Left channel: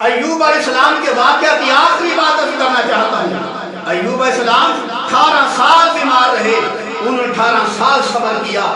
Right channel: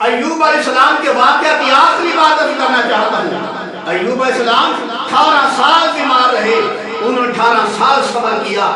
ایوب علیہ السلام کے واقعہ کی آخری بات ابھی کرنا چاہتا ہوں۔ ایوب علیہ السلام 18 سال بیمار رہے، انہوں نے 18 سال صبر کیا،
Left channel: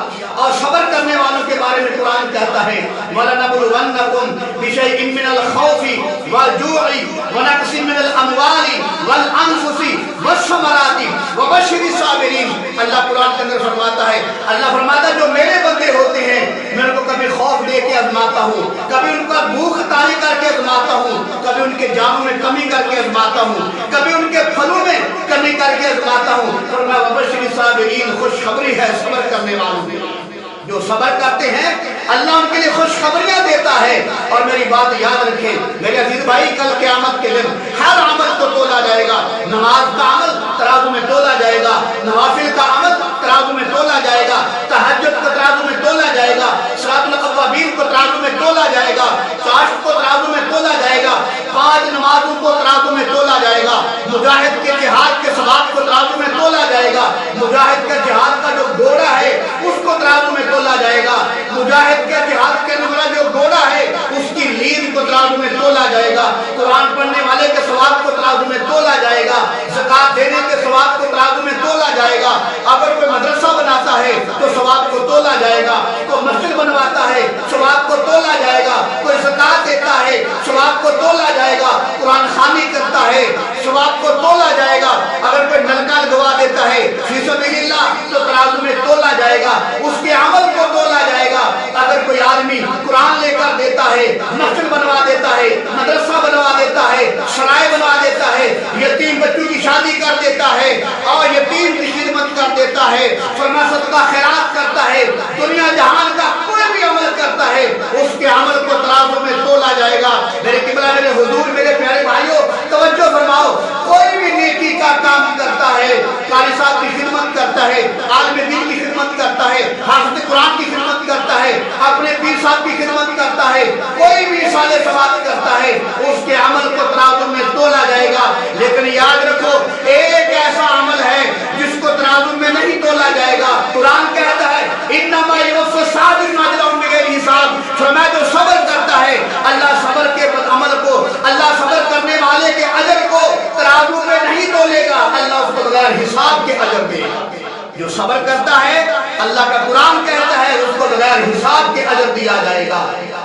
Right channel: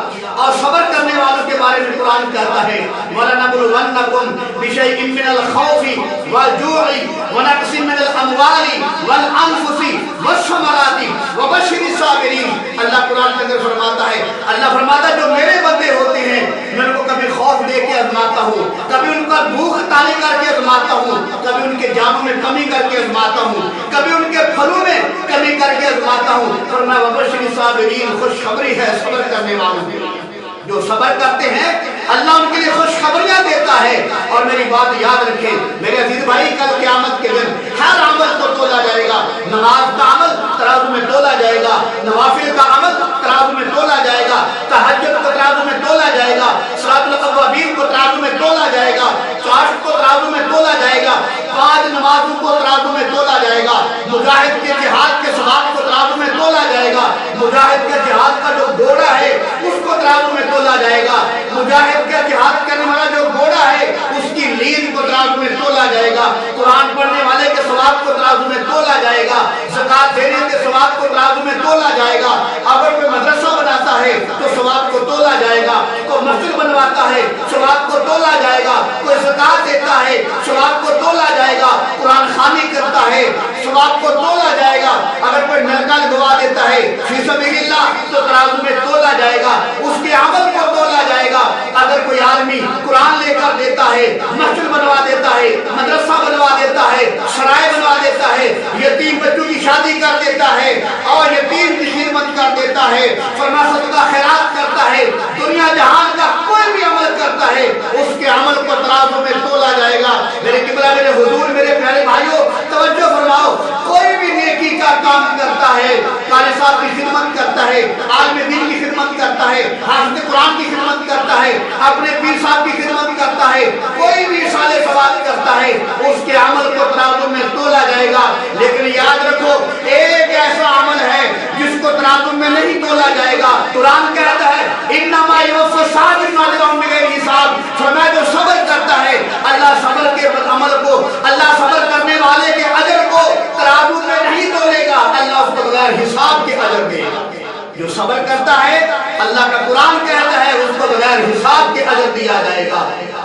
اور صبر کرنے والوں کے بارے میں قرآن کہتا ہے وَلَنَبْلُوَنَّكُمْ بِشَيْءٍ مِّنَ الْخَوْفِ وَالْجُوعِ وَنَقْصٍ مِّنَ الْأَمْوَالِ وَالْأَنفُسِ وَالثَّمَرَاتِ وَبَشِّرِ الصَّابِرِينَ۔ اللہ قرآن کے اندر فرماتا ہے، اللہ فرماتا ہے جو میرے بندے ہوتے ہیں میں ان کو کبھی خوف دے کے آزماتا ہوں، کبھی ان کا بھوک طاری کر کے آزماتا ہوں، کبھی ان کے جاموں میں کمی کر کے آزماتا ہوں، کبھی ان کے پھلوں میں کمی کر کے آزماتا ہوں۔ فرمایا وَبَشِّرِ الصَّابِرِينَ، خوشخبری ہے صبر کرنے والوں کے لیے۔ جو صبر کرتے ہیں اللہ ان کے لیے خوشخبریاں دیتا ہے۔ اور میری بات یاد رکھیں میرے عزیز بھائی، کل قیامت کے دن ہر عمل کو تولا جائے گا۔ نماز کا عمل ترازو میں تولا جائے گا، نوافل کا عمل ترازو میں تولا جائے گا، تہجد کو ترازو میں تولا جائے گا، صلاۃ الاوابین کو ترازو میں تولا جائے گا، چاشت کو ترازو میں تولا جائے گا، 5 نمازوں کو ترازو میں تولا جائے گا، مجاہد کے جہاد کے ثواب کو ترازو میں تولا جائے گا، مجاہد کا جہاد کا جو گھوڑا ہے اس کو ترازو میں تولا جائے گا، مجاہد کا جہاد کرنے والا جو گھوڑا ہے اس کی لین کو ترازو میں تولا جائے گا، قرآن پڑھنے والے کے ثواب کو ترازو میں تولا جائے گا، زکات دینے کے ثواب کو ترازو میں تولا جائے گا، اگر کوئی مدرسہ بناتا ہے تو ثواب کو تولا جائے گا، کوئی مسجد بنواتا ہے ثواب کو تولا جائے گا، کوئی زکات دیتا ہے ثواب کو تولا جائے گا، قرآن خوانی کرتا ہے ثواب کو تولا جائے گا، اگر کوئی نلکا لگوا دیتا ہے فی سبیل اللہ تو ترازو میں تولا جائے گا، اس کے عمل کو تولا جائے گا۔ اگر کوئی آدمی قرآن لے کر دیتا ہے، مسجد بنوا دیتا ہے، مدرسہ بنوا دیتا ہے، سرائے بنوا دیتا ہے، یتیم بچوں کی شادی کر دیتا ہے اور یتیم کی خدمت کر دیتا ہے، فرما صدقہ خیرات کرتا ہے، دنیا جہان کا کوئی بھی عمل کرتا ہے اس کے عمل کو ترازو میں تولا جائے گا۔ میرے قبلہ میرے حضور میرے پیارے بھائیوں توجہ فرماؤ، کوئی بھی نیکی کا کام کرتا ہے، قاری صاحب کی خدمت کرتا ہے، عالم دین کی خدمت کرتا ہے، حافظ قرآن کی خدمت کرتا ہے، اپنے پیر صاحب کی خدمت کرتا ہے، کوئی بھی اصالہ ثواب کرتا ہے اس کے عمل کو ترازو میں تولا جائے گا۔ لیکن یاد رکھو ایک ایسا عمل ہے جس کو ترازو میں نہیں تولا جائے گا۔ قرآن کہتا ہے انما یوفی الصابرین اجرهم بغیر حساب، فرمایا جو صبر کرتا ہے اللہ صبر کے عمل کو، اللہ صبر کرنے والے کے اجر کو ترازو میں نہیں تولے گا، اللہ اس کو بغیر حساب کے اجر دے گا۔ جو صبر کرتا ہے اللہ کا قرآن کہتا ہے اس کو بغیر حساب کے اجر دیا جائے گا۔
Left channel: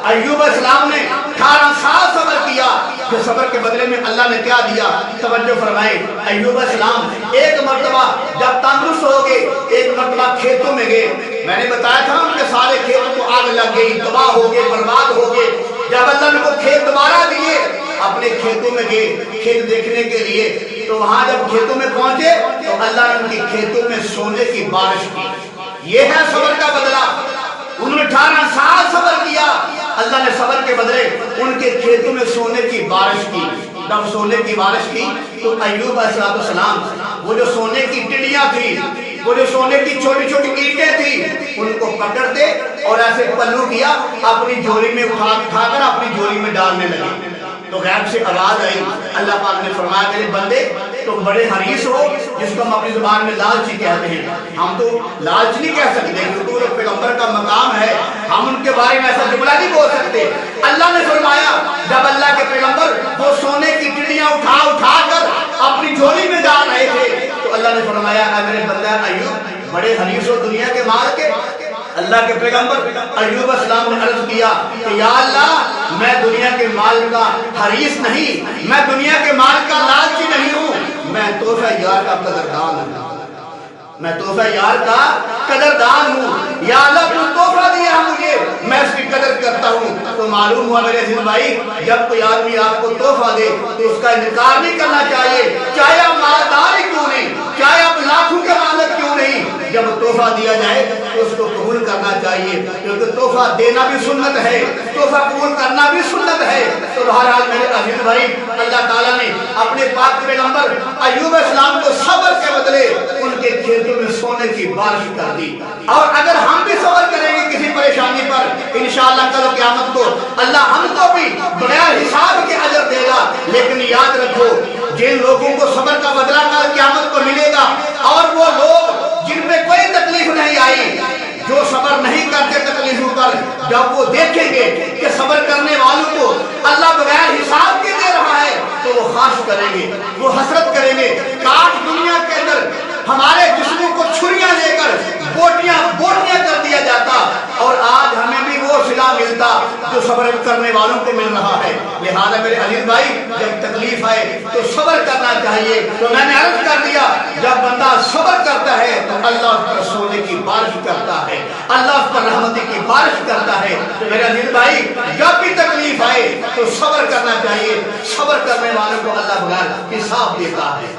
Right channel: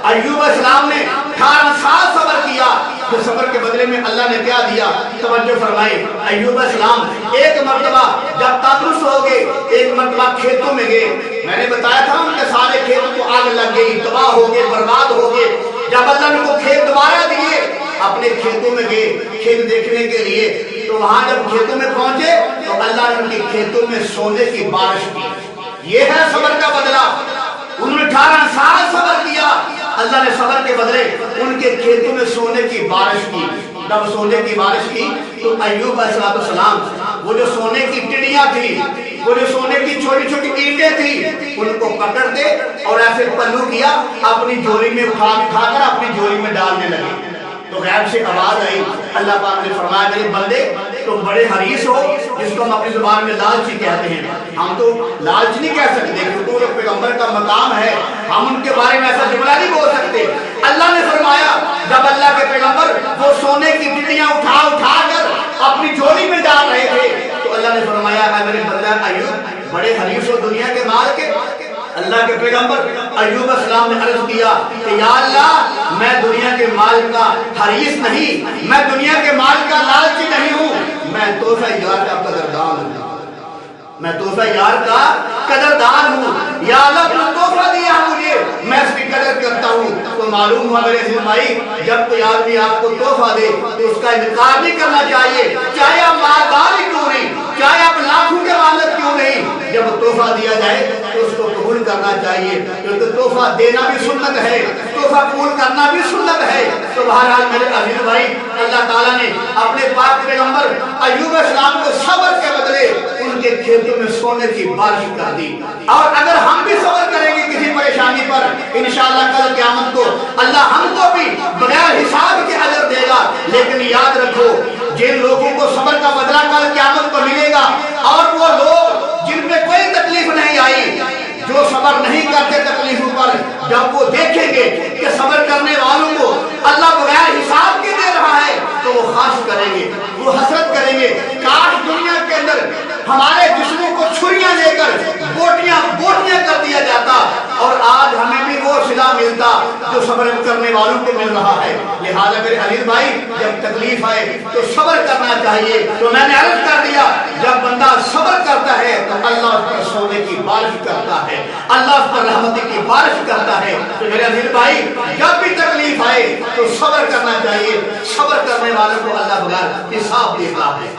ایوب علیہ السلام نے 18 سال صبر کیا، کہ صبر کے بدلے میں اللہ نے کیا دیا؟ توجہ فرمائیں، ایوب علیہ السلام ایک مرتبہ جب تندرست ہو گئے، ایک مرتبہ کھیتوں میں گئے، میں نے بتایا تھا ان کے سارے کھیتوں کو آگ لگ گئی، تباہ ہو گئے، برباد ہو گئے۔ جب اللہ نے کو کھیت دوبارہ دیے، اپنے کھیتوں میں گئے کھیت دیکھنے کے لیے، تو وہاں جب کھیتوں میں پہنچے تو اللہ نے ان کی کھیتوں میں سونے کی بارش کی۔ یہ ہے صبر کا بدلہ۔ انہوں نے 18 سال صبر کیا، اللہ نے صبر کے بدلے ان کے کھیتوں میں سونے کی بارش کی۔ جب سونے کی بارش کی تو ایوب علیہ السلام وہ جو سونے کی ٹڈیاں تھی، وہ جو سونے کی چھوٹی چھوٹی اینٹیں تھی، ان کو پکڑتے اور ایسے پلو کیا، اپنی جھولی میں اٹھا کر اپنی جھولی میں ڈالنے لگے۔ تو غیب سے آواز آئی، اللہ پاک نے فرمایا میرے بندے تم بڑے حریص ہو، جس کو ہم اپنی زبان میں لالچی کہتے ہیں۔ ہم تو لالچ نہیں کہہ سکتے کیونکہ وہ پیغمبر کا مقام ہے، ہم ان کے بارے میں ایسا جملہ نہیں بول سکتے۔ اللہ نے فرمایا جب اللہ کے پیغمبر وہ سونے کی ٹڈیاں اٹھا کر اپنی جھولی میں ڈال رہے تھے تو اللہ نے فرمایا اے میرے بندہ ایوب بڑے حریص ہو دنیا کے مال کے؟ اللہ کے پیغمبر ایوب علیہ السلام نے عرض کیا کہ یا اللہ میں دنیا کے مال کا حریص نہیں، میں دنیا کے مال کا لالچی نہیں ہوں، میں تحفہ یار کا قدردان ہوں، میں تحفہ یار کا قدردان ہوں۔ یا اللہ تو تحفہ دیا مجھے، میں اس کی قدر کرتا ہوں۔ تو معلوم ہوا میرے عزیز بھائی جب کوئی آدمی آپ کو تحفہ دے تو اس کا انکار نہیں کرنا چاہیے، چاہے آپ مالدار ہی کیوں نہیں، چاہے آپ لاکھوں کے مالک کیوں نہیں، جب تحفہ دیا جائے تو اس کو قبول کرنا چاہیے، کیونکہ تحفہ دینا بھی سنت ہے، تحفہ قبول کرنا بھی سنت ہے۔ تو بہرحال میرے عزیز بھائی اللہ تعالیٰ نے اپنے پاک پیغمبر ایوب علیہ السلام کو صبر کے بدلے ان کے کھیتوں میں سونے کی بارش کر دی۔ اور اگر ہم بھی صبر کریں گے کسی پریشانی پر انشاءاللہ کل قیامت کو اللہ ہم کو بھی بغیر حساب کے اجر دے گا۔ لیکن یاد رکھو جن لوگوں کو صبر کا بدلہ کل قیامت کو ملے گا، اور وہ لوگ جن پہ کوئی تکلیف نہیں آئی، جو صبر نہیں کرتے تکلیفوں پر، جب وہ دیکھیں گے کہ صبر کرنے والوں کو اللہ بغیر حساب کے خواہش کریں گے، وہ حسرت کریں گے کاش دنیا کے اندر ہمارے جسموں کو چھریاں لے کر بوٹیاں کر دیا جاتا، اور آج ہمیں بھی وہ صلہ ملتا جو صبر کرنے والوں کو مل رہا ہے۔ لہذا میرے عزیز بھائی، جب تکلیف آئے تو صبر کرنا چاہیے۔ تو میں نے عرض کر دیا، جب بندہ صبر کرتا ہے تو اللہ اس پر سونے کی بارش کرتا ہے، اللہ اس پر رحمت کی بارش کرتا ہے۔ تو میرے عزیز بھائی، جب بھی تکلیف آئے تو صبر کرنا چاہیے، صبر کرنے والوں کو اللہ بغیر حساب دیتا ہے۔